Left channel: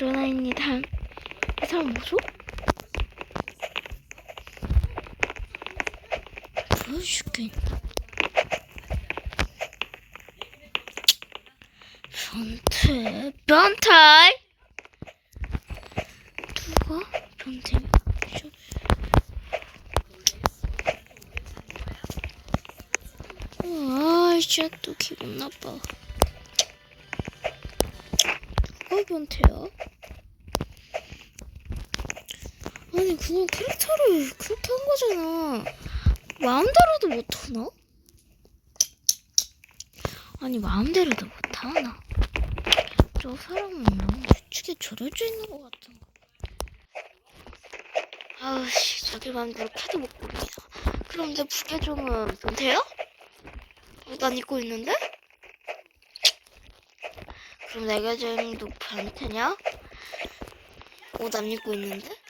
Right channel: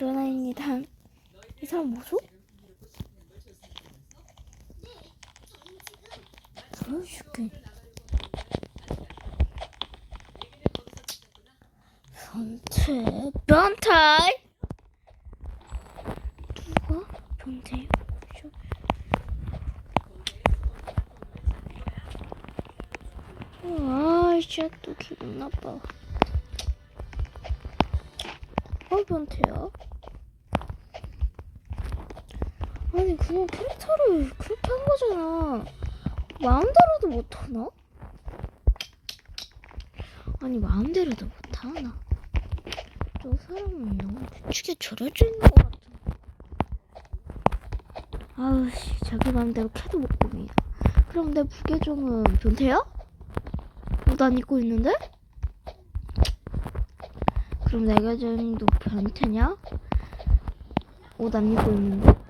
루나입니다. 이 사람 뭐죠? 보여줄게. 변태, 변태! 누가 변태요? 저... 아, 진짜 또 기분 나빠. 변태야? 아니, 그냥 캐릭터를 그렇게 한 거잖아. 마음대로도 못하나? 아니, 마음대로도 못하나? 저 사람은 너무 규칙에 절여져 있는 것 같아. 아우씨, 자기 마음대로 캐도 못 봅니다. 그럼 내 부계종은 변태야? 옷 안 입고 있는데? 그럼 내 계정도 변태냐? 옷 안 입고 있는데?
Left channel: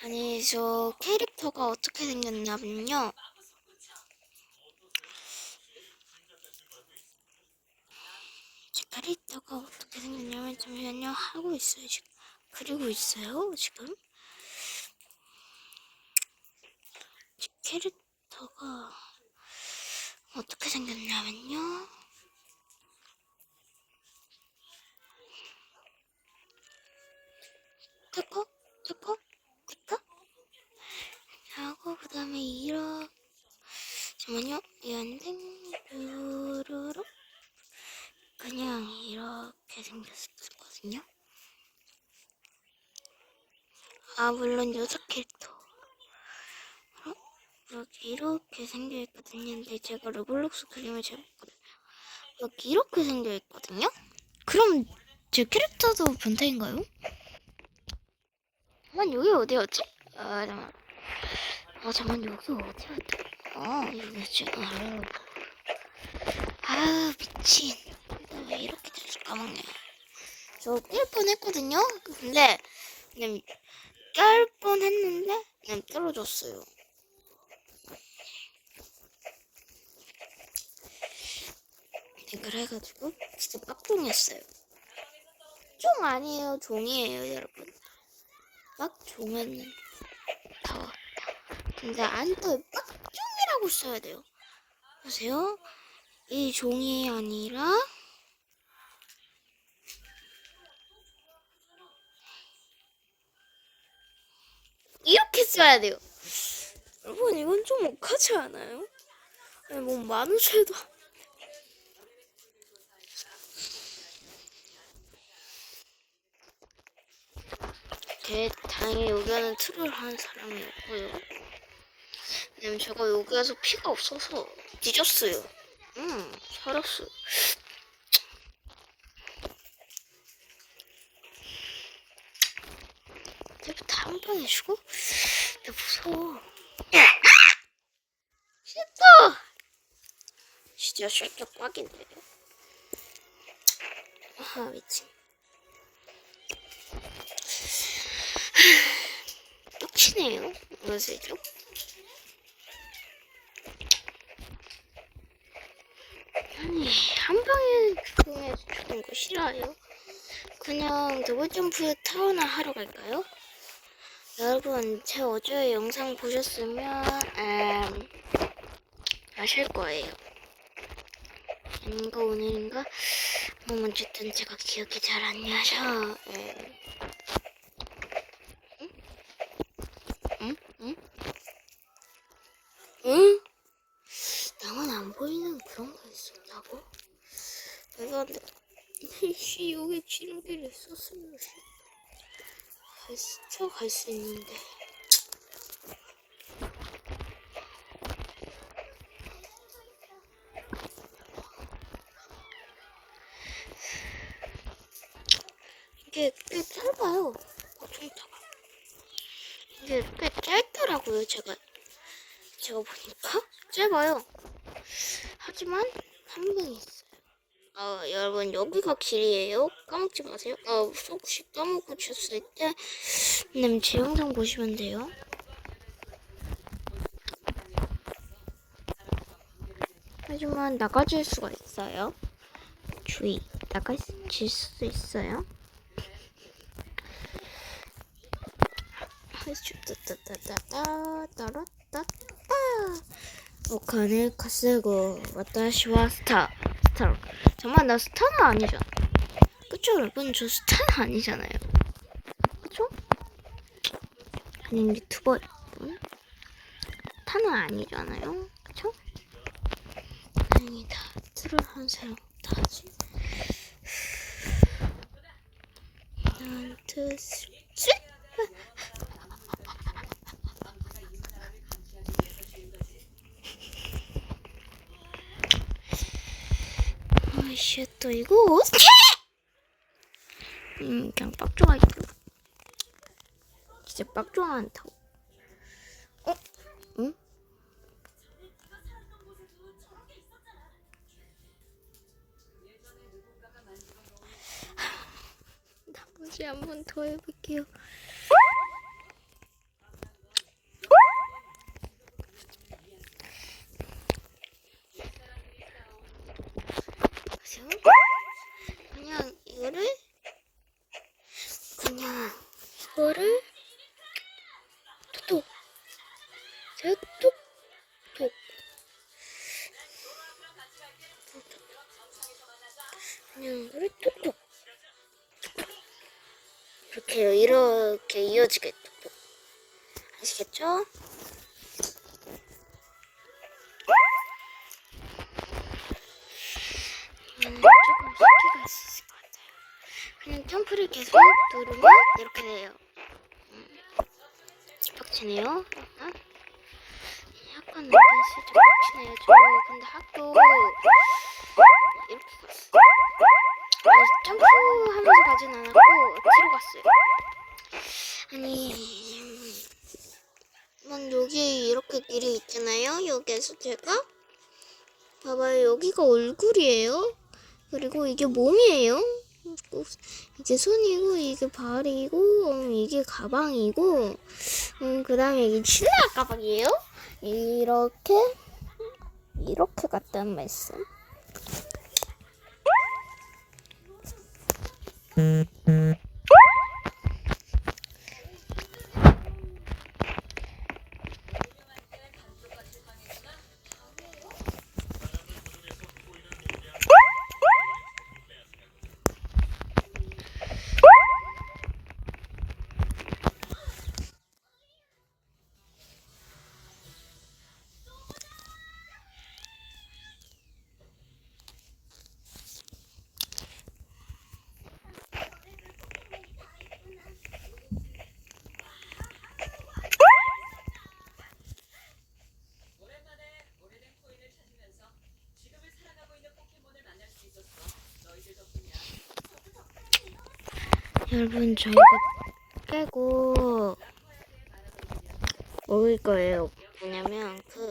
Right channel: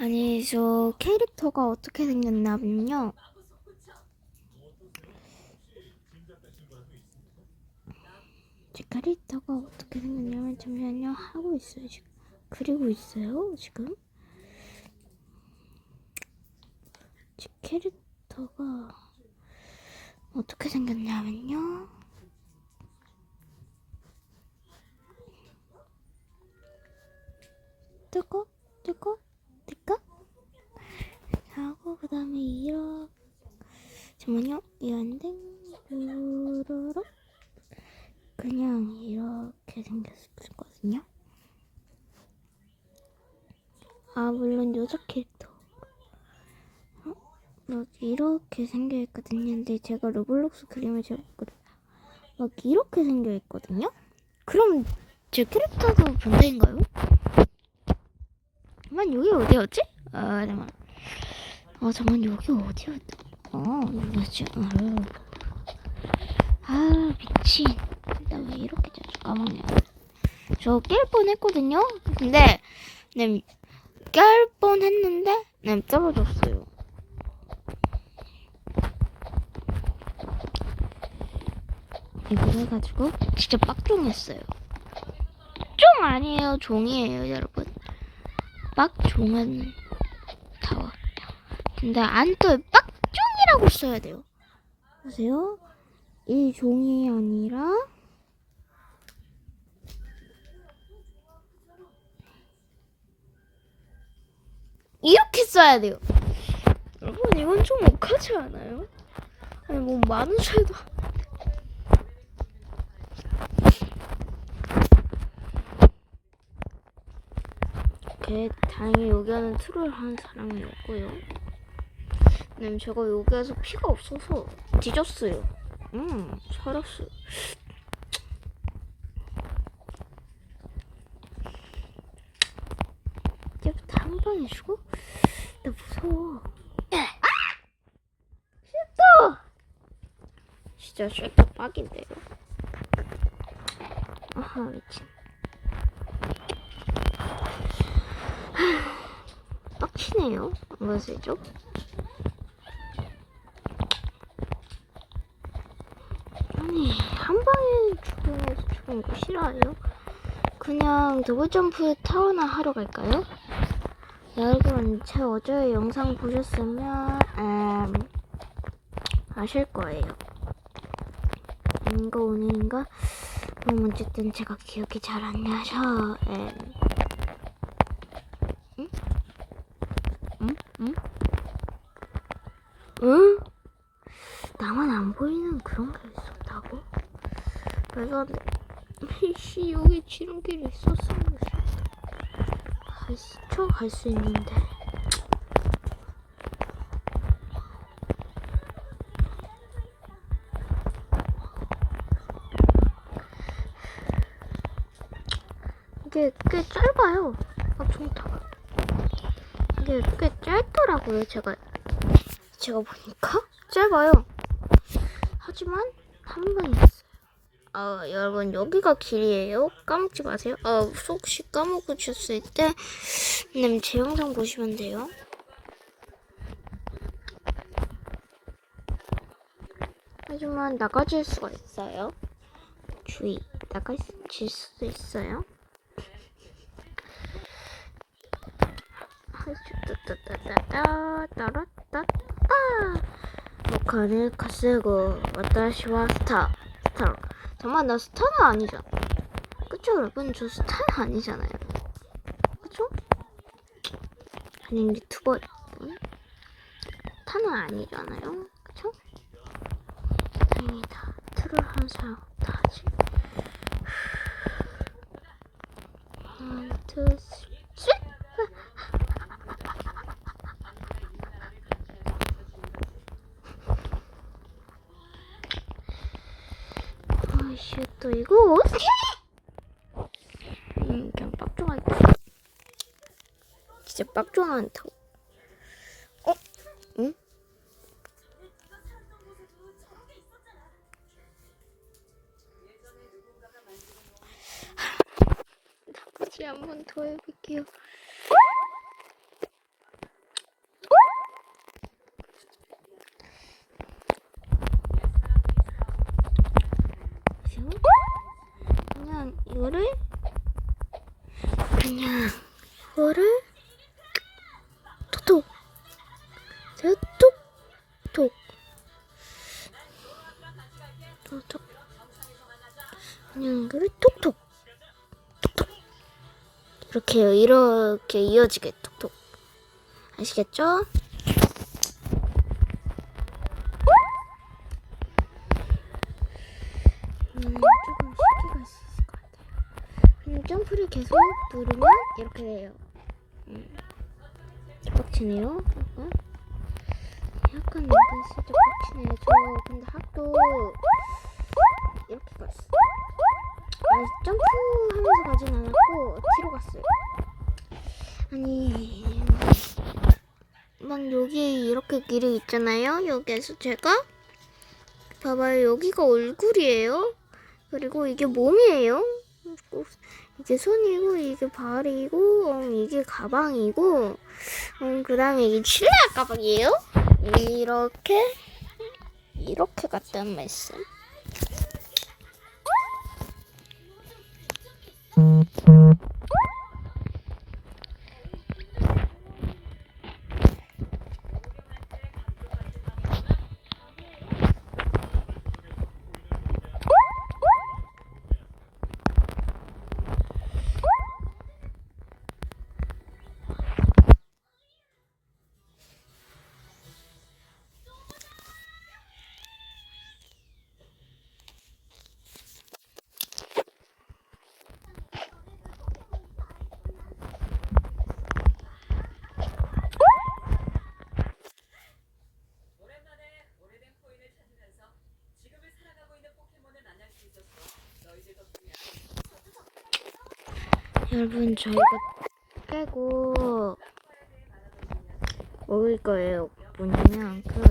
아니, 저 캐릭터가 어떻게 생겼냐면요. 제 캐릭터가 어떻게 생겼냐면 잠시만요. 하고 있어요, 지금. 그리고 있어요, 지금. 제 캐릭터가 어떻게 생겼냐면요. 뜨거, 뜨거, 뜨거. 하고 그 다음에 이렇게 잠깐만요. 이안된 르르르 그냥 이렇게 생겼거든요. 아 물론 여자 캐릭터. 어? 여기 이렇게 생겨 있거든요. 근데 제가 로블록스 그림을 잡았거든요. 여기 이렇게 생겨 있거든요. 그럼 제 캐릭터도 변태인가요? 잠만 여기 어디였지? 아 잠만. 아 잠만 여기 어디였지? 아 여기였지. 아, 아 미친. 나 왜 이렇게 자주 까먹냐? 저 깰 뻔했거든요. 근데 네, 깰 뻔했는데 네, 떨어졌어요. 네, 그래가지고 진짜 빡종했어요. 종 아니에요, 종이에요, 여러분. 빡종은 타워. 근데 안 떠요. 빡종이라고 써야 돼요. 보세요. 이 종이 아니라 이렇게 써야 돼요. 여러분 이건 좀 억하지 않아요? 아니 뭐 만우절도 게 다행히 여기는 트롤 하는 사람이 없고요. 왜냐면 제가 여기에서 피가 없어서 뒤졌어요. 음, 살았어. 이제부터 한 방에 죽어? 나 무서워. 싫다! 진짜 쉐터 빡인데. 아하, 미친. 치네요. 안가세죠? 아니, 한 방에 그냥 주는 거 싫어요? 그냥 더블 점프 타워나 하러 갈까요? 여러분, 제 어제 영상 보셨으면, 음, 아실 거예요. 인가 오늘인가? 뭐, 어쨌든 제가 기억이 잘 안 나서, 음. 응? 응? 응? 응? 나만 안 보이는 그런 게 있었다고? 내가 씨 여기 지름길이 있었으면 갈 수, 있는데 이게 꽤 짧아요 앞송타가 이게 꽤 짧더라고요 제가 제가 보니까 짧아요. 하지만 한 방이 있어요. 아 여러분 여기가 길이에요. 까먹지 마세요. 아 혹시 까먹으셨을 때 음, 제 영상 보시면 돼요. 하지만 나가질 수가 있어요. 주의 나갈 수도 있어요. 따따따따따 따라따. 아 뭐 お金稼ごう。私はスター。スター。 정말 나 스타는 아니잖아. 그쵸, 여러분? 저 스타는 아니잖아요. 그쵸? 아니면 유튜버 여러분? 스타는 아니잖아요. 그쵸? 당연히 다 틀을 한 사람 다 하지. 1, 2, 3. 아이씨 또 이거 어떻게? 음 그냥 빡종아 있다. 진짜 빡종아 않다고. 어? 응? 나머지 한 번 더 해볼게요. 그죠? 그냥 이거를 그냥 이거를? 톡톡. 제가 톡톡. 톡톡. 그냥 이거를 톡톡. 톡톡. 이렇게요 이렇게 이어지게 톡톡. 아시겠죠? 음, 조금 쉽게 갈 수 있을 것 같아요. 그냥 점프를 계속 누르면 이렇게 돼요. 음. 빡치네요. 응? 약간 은근 살짝 빡치네요. 저 근데 학교 이렇게 갔어. 아, 점프하면서 가진 않았고 뒤로 갔어요. 아니 막 여기 이렇게 길이 있잖아요. 여기에서 제가 봐봐요. 여기가 얼굴이에요. 그리고 이게 몸이에요. 그리고 이게 손이고 이게 발이고 음, 이게 가방이고 음, 그다음에 이게 칠라 가방이에요. 이렇게 이렇게 갔단 말씀. 여러분 저 이거 깨고 먹을 거예요. 뭐냐면 그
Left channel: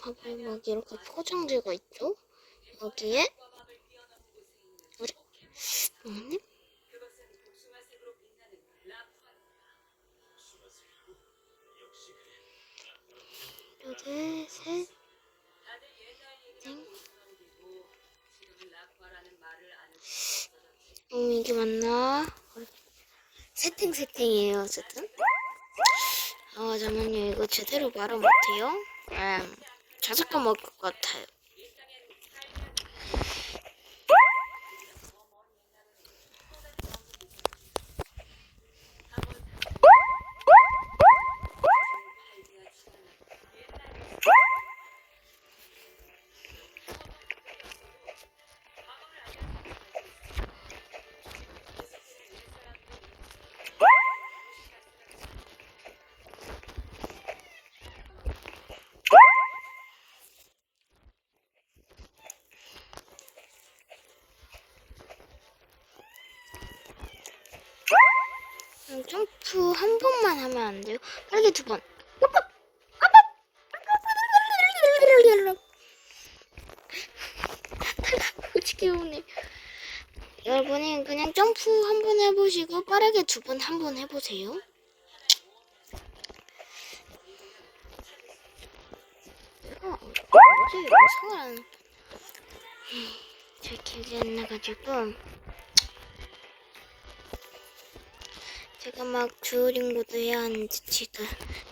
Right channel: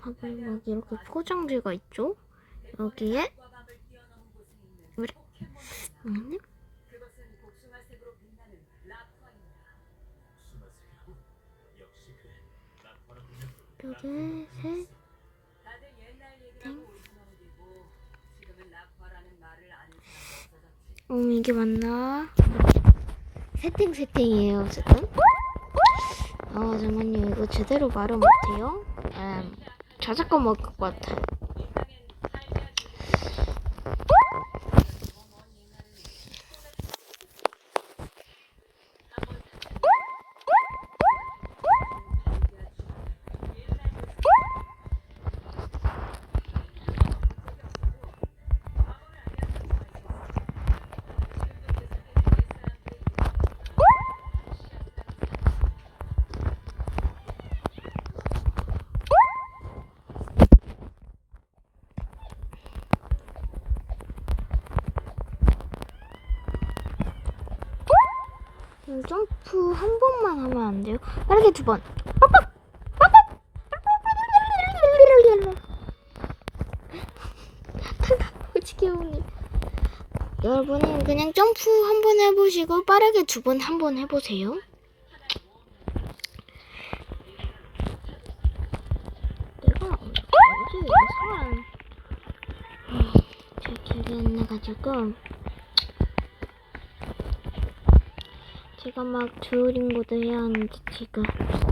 봐봐요 막 이렇게 포장지가 있죠? 여기에 우리 어머님 여기 셋 음 이게 맞나? 세팅 세팅이에요 어쨌든. 아 잠깐만요. 이거 제대로 말을 못해요? 음 자작권 먹을 것 같아요 음, 점프 한 번만 하면 안 돼요? 빠르게 두 번. 여러분이 그냥 점프 한 번 해보시고 빠르게 두 번 한 번 해보세요. 내가 어제 영상을 안 기억이 안 나가지고 제가 막 주어링고도 해야 하는데 지금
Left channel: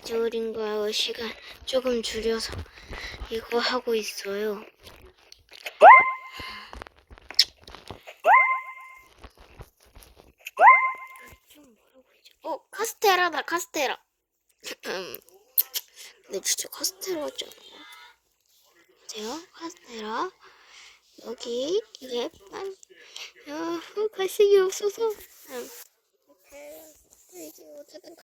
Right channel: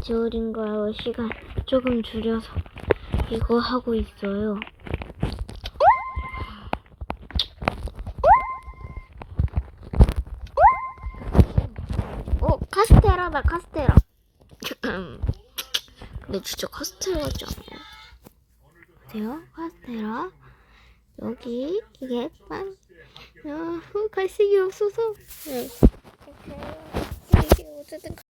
주어링고 시간 조금 줄여서 이거 하고 있어요. 어 카스테라다 카스테라. 근데 진짜 카스테라 같지 않아요? 보세요 카스테라 여기 이게 빵. 야, 갈색이 없어서. 응. 이게 어쨌든